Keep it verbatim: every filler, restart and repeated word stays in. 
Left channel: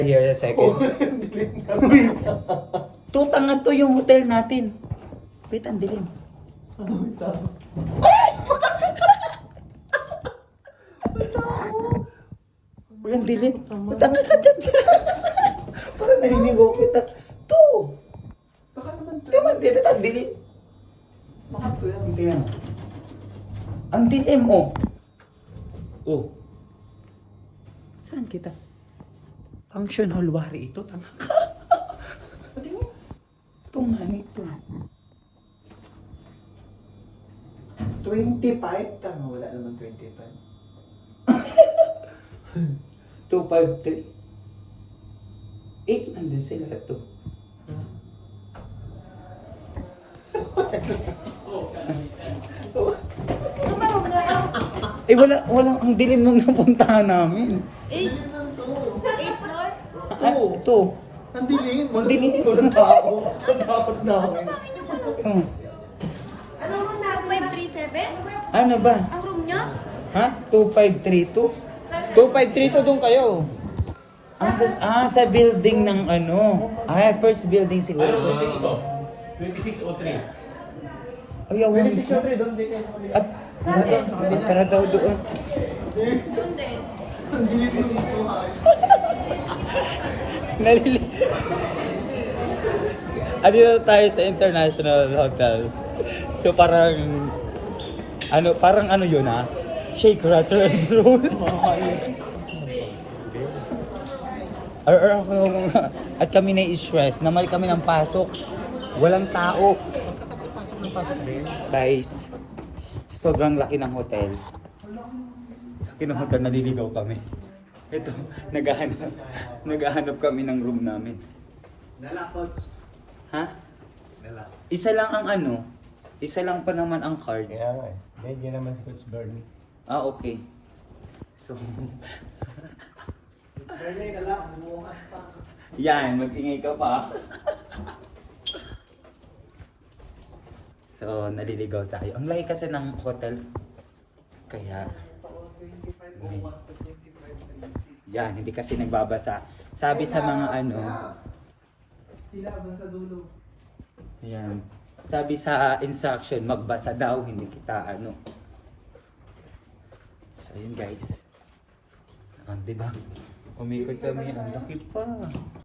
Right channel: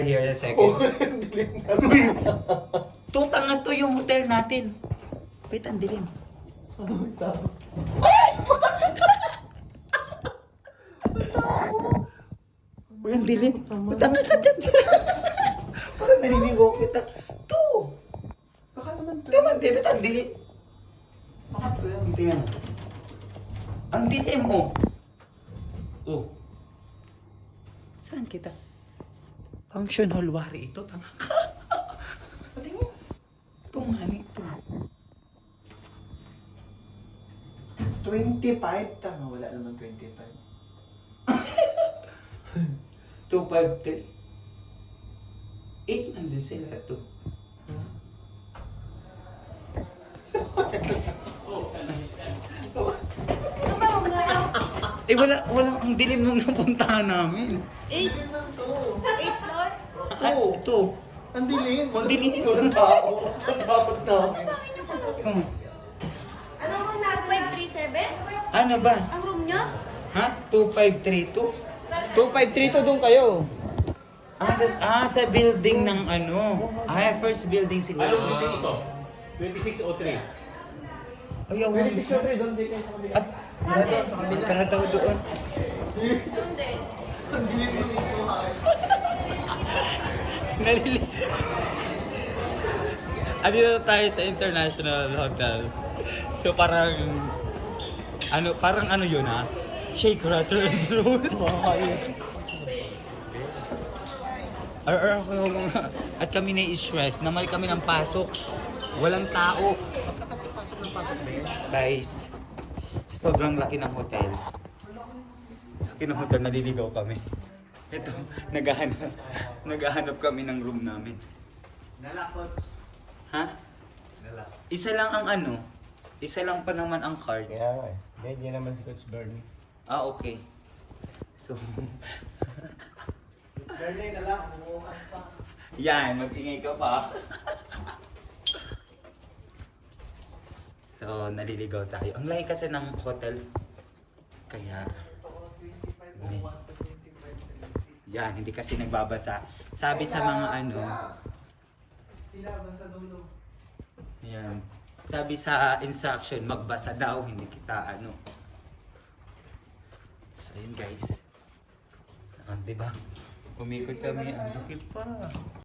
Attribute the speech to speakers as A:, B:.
A: Here a second. Tutang nga to yung hotel natin. Wait, ang dilim. Uy, ang dilim. Tutang nga ka dyan. Parang narinig ko kita. To! Diba, diba, ang dilim. Ang dilim. Ang dilim, oh. Oh. Saan kita? Function hall wari ito. Tanga ka. Ito nga ito.
B: twenty-five? Tama, wala naman twenty-five.
A: two five three. eight nandun sila ito. Eh wala, wala, ang dilim nung napuntahan namin.
C: Eight. Eight floor?
A: Ano ito?
B: Ang dilim.
A: Ang dilim.
B: Walang tao. Kasapot namin.
A: Oh.
C: Ano mo na? five three seven?
A: Ano ba?
C: Ang room niya?
A: Ha? two five three two?
B: two five three two doon kayo.
A: Ah, sa, ah, sa building ng ano? Ah, first building siguro.
D: twenty-six o three.
A: Ay, awan.
B: twenty-six oh three doon. Dito sa kabila.
A: At, ang ka na daw doon.
C: Doon din.
B: Ang dilim mo dito.
A: Nalili. Andito tayo sa International Hotel. So parang, ano, parang ano yun ha? Shake, rattle, and roll. Ar ar at kami na-stress, namal kami ng pasok. Walang tao.
B: Kasi pasok ng pasok din.
A: Guys, sobrang laki ng hotel. Sa laki ng hotel, naliligaw kami. Ito, naghahanap, naghahanap kami ng room namin.
B: Dala, coach.
A: Ha?
B: Dala.
A: Isa lang ang ano, isa lang pa naman ang card.
B: Kaya nga eh. Medyo naman si Coach Bernie.
A: Ah, okay. So,
B: Bernie, dala. Bumukas pa.
A: yan, mag-ingay ka pa. So, naliligaw tayo. Ang laki kasi ng hotel. Kaya, yan, hindi kasi nagbabasa. Sabi sa mga ano,
B: Sila doon sa dulo.
A: yan. Sabi sa instruction, magbasa daw, hindi kita ano. So, yun guys. Ah, diba? Umikot kami, ang laki pa.